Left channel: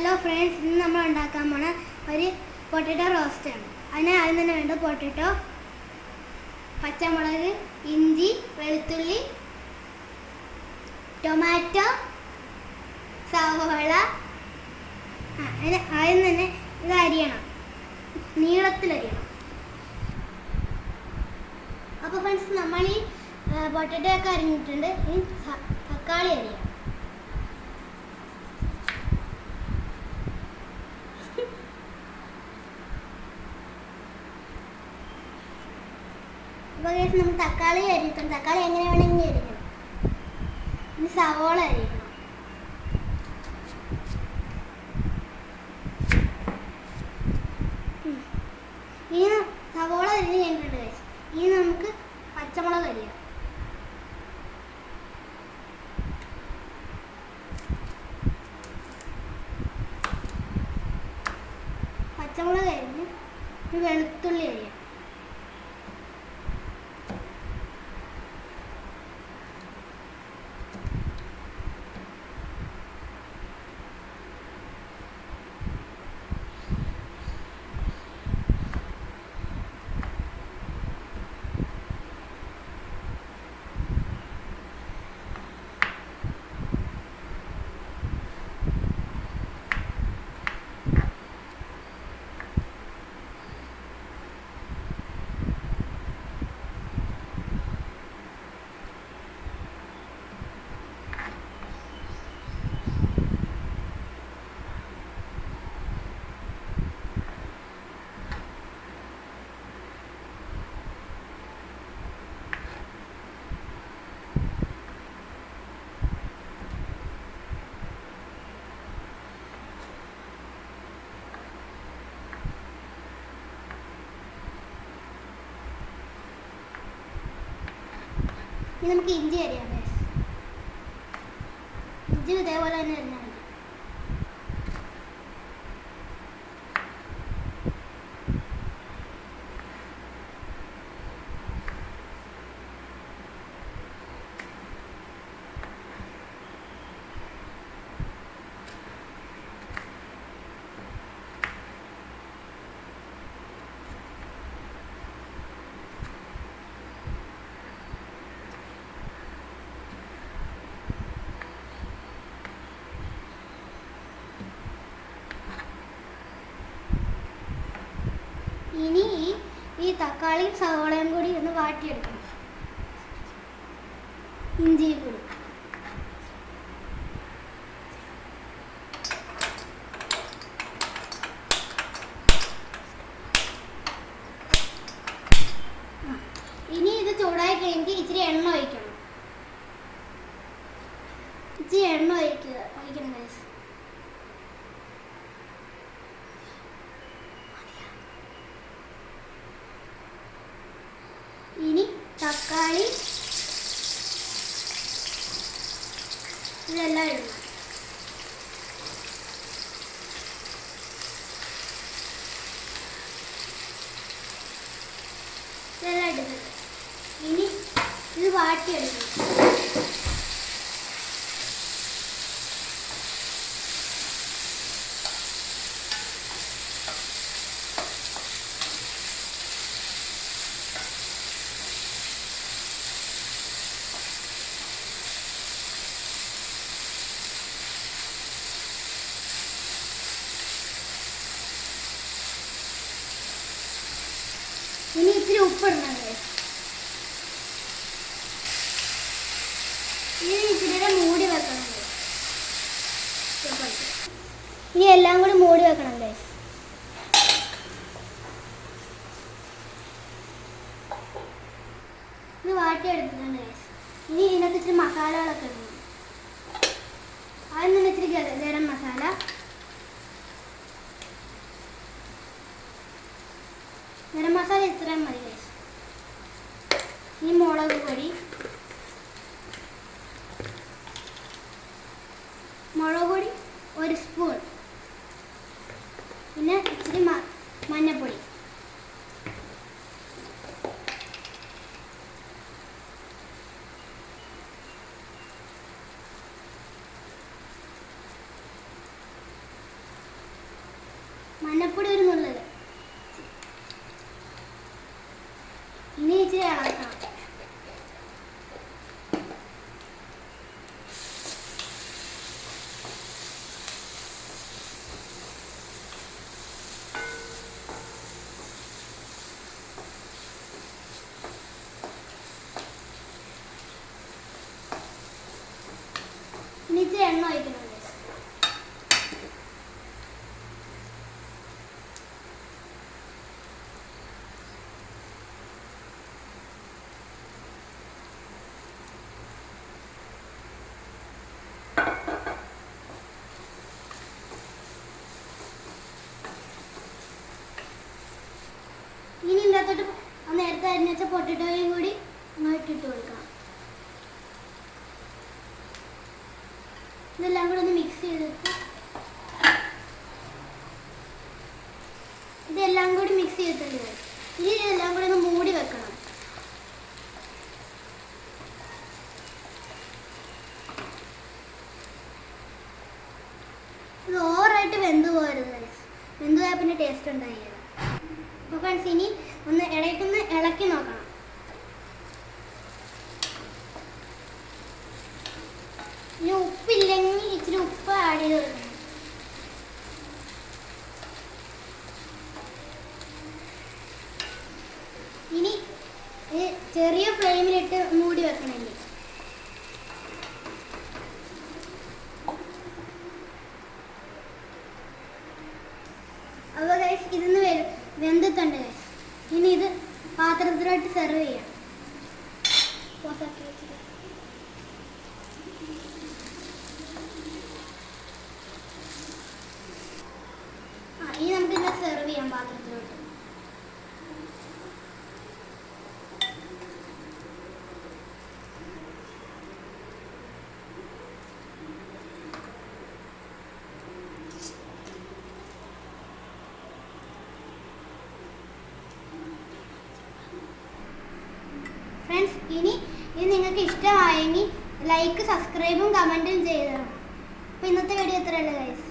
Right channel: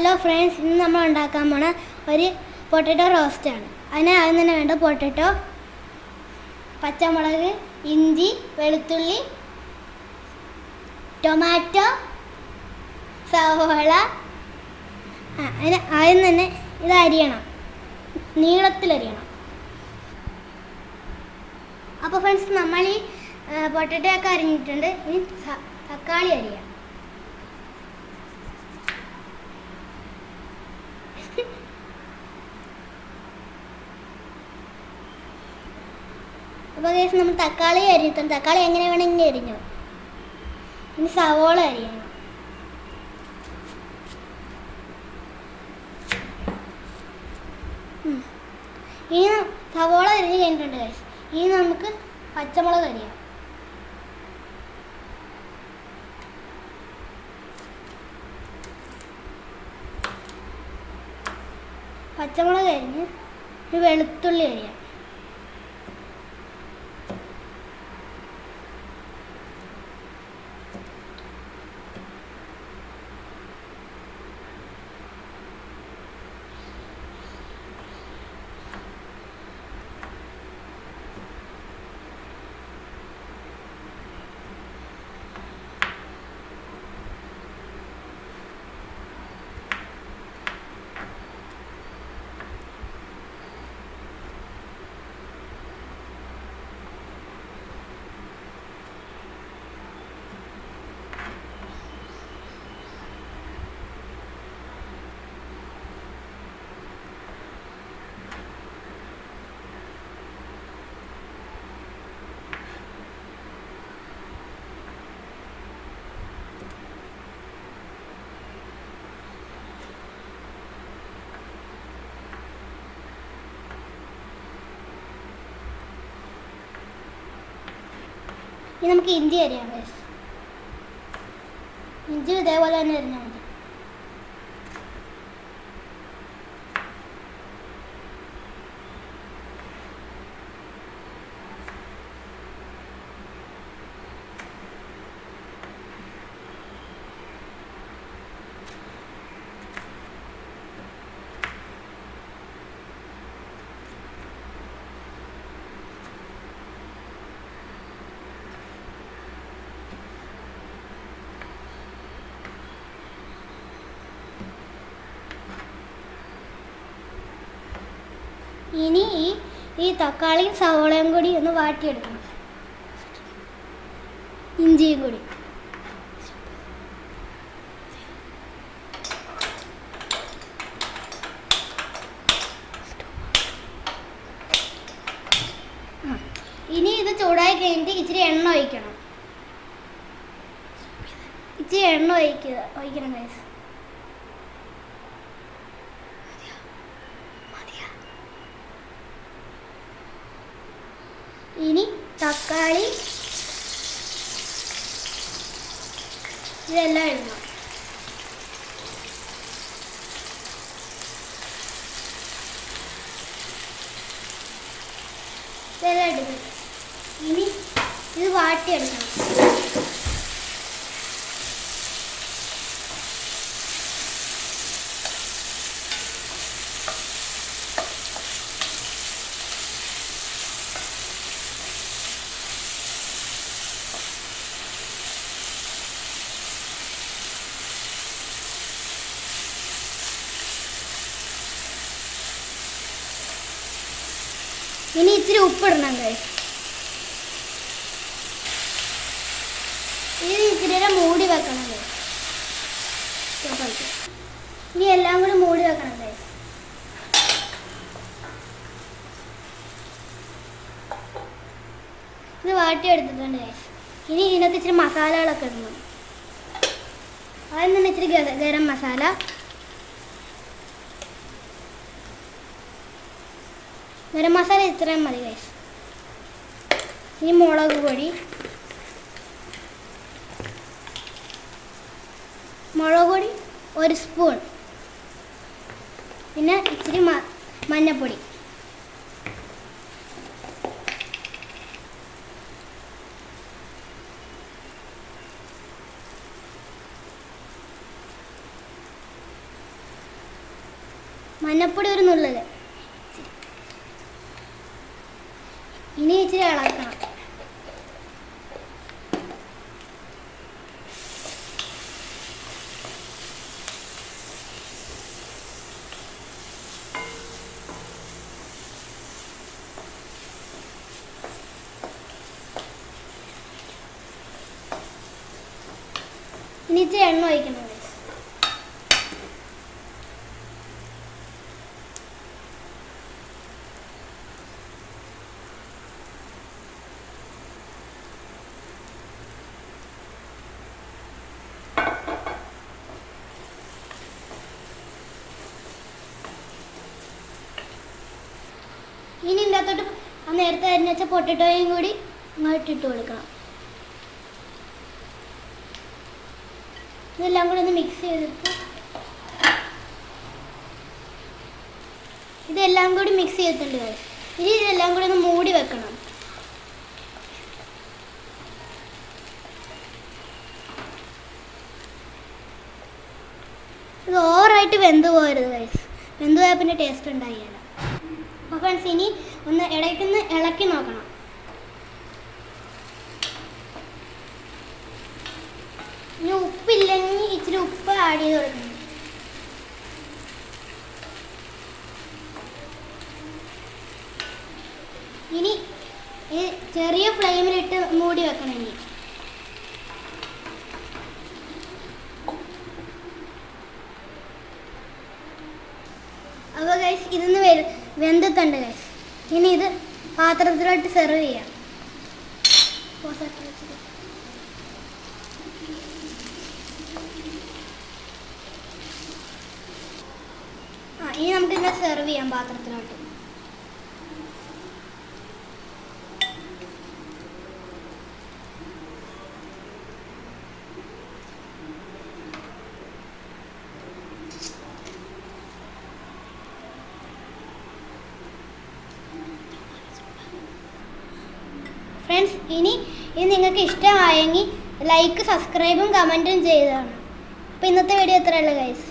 Hello friends ഇന്ന് നമ്മൾ ഉണ്ടാക്കാൻ പോണ ഒരു പൊട്ടറ്റോ റോസ്റ്റാണ് അതിന് ആദ്യം തന്നെ വേണ്ട പൊട്ടറ്റോ പച്ചമുളക് ഇഞ്ചി വെളുത്തുള്ളി ടൊമാറ്റോ സവോള. അതിന് ആദ്യം തന്നെ ഇത് അരിയണം. നീളത്തിൽ അരിയണം. അപ്പോൾ ഫ്രണ്ട്സ് നമ്മൾ ഈ പൊട്ടറ്റോ ഒക്കെ അരിഞ്ഞിട്ടുണ്ട്. ഇനി തക്കാളി അരിയാം. അപ്പോൾ കേസ് നമ്മൾ തക്കാളി അരിഞ്ഞിട്ടുണ്ട് തക്കാളി എങ്ങനെ വേണമെങ്കിൽ അരിഞ്ഞു? ഇനി സവോള അരിയണം. ഇനി സവോള അരിഞ്ഞ് കഴിഞ്ഞിട്ടുണ്ട് കേസ് ഇനി നമുക്ക് പച്ചമുളക് അരിയാം പച്ചമുളക് അരിഞ്ഞ് ഒരു വെളുത്തുള്ളി അരിയാം ഇനി നമുക്ക് ഇഞ്ചി അരിയാം. ഇഞ്ചി ഇതേപോലെ തന്നെ അരിഞ്ഞാൽ മതി ഇനി ഈ ഈ തക്കാളിയും സവോളയും കൂടി ഒന്ന് വാട്ടിയെടുക്കണം. ഇഞ്ചിയും കൂടി. ഇനി ഇത് ചൂടായി കഴിഞ്ഞിട്ട് ഇച്ചിരി എണ്ണ ഒഴിക്കണം. ഇച്ചിരി എണ്ണ ഒഴിക്കുക ഒഴിക്കണം guys. ഇനി തക്കാളി ഇതെല്ലാം ഇടണം. ഇതെല്ലാം ഇടുക ഇനി ഇത് വാട്ടിയെടുക്കണം. ഇനി ഇച്ചിരി ഉപ്പിടണം guys. ഇനി ഇച്ചിരി നേരം മൂടി വെക്കണം guys. ഇനി എല്ലാം കൂടി മൂടി വെക്കണം guys. ഇത് വാട്ടി എടുത്തിട്ടുണ്ട് guys. ഇനി ഇതിനകത്ത് ഇച്ചിരി മസാലകളൊക്കെ ഇടണം ആദ്യം തന്നെ ഇച്ചിരി ഗര- ഗരം മസാല ഗരം മസാല ഇത്രയും മതി ഗൈസ് ഇനി മുളക് പൊടി. മുളക് പൊടി ഒരു സ്പൂൺ പിന്നെ മ- മഞ്ഞപ്പൊടി. മഞ്ഞപ്പൊടി ഒരു നുള്ളൽ. ഇനി ഇച്ചിരി ഇളക്കണം. ഇനി ഇച്ചിരി എണ്ണ ഒഴിക്കണം. ആ നേരത്തെ വെച്ചാൽ വെച്ച പൊട്ടിട്ടോയും കൂടി ഇങ്ങോട്ട് ഇട്ട് കൊടുക്കണം. ഇതെല്ലാം കൂടി ഒന്ന് മിക്സ് ചെയ്തിട്ട് ഇതെല്ലാം കൂടി മിക്സ് ചെയ്തിട്ടുണ്ട്. ഇനി ഇതെല്ലാം കൂടി ഒന്ന് മൂടി വെക്കണം. ഇത് ഓവറായിട്ട് വെന്ത് പോകരുത് വെന്ത് പോയാൽ പിന്നെ ടേസ്റ്റ് ഉണ്ടായില്ല. അപ്പോൾ ഫ്രണ്ട്സ് ഇനി ഒന്ന് ഇടയ്ക്കൊന്ന് ഇളക്കി നോക്കണം. ഇനി ഉപ്പില്ലെങ്കിൽ ഇച്ചിരി ഉപ്പ് ആഡ് ചെയ്ത് കൊടുക്കണം. ഇനി ചെറിയ ഫ്ലെയിമിലിട്ട് മൂടി വെക്കണം അപ്പോൾ ഫ്രണ്ട്സ് ഇനി ഇത് നിങ്ങൾക്ക് ഇഷ്ടമായെങ്കിൽ ലൈക്ക് സബ്സ്ക്രൈബും കമന്റും ചെയ്തതാണ്. അപ്പോൾ ഇന്നത്തെ വീഡിയോ ഇത്രയുള്ളൂ ഗൈസ്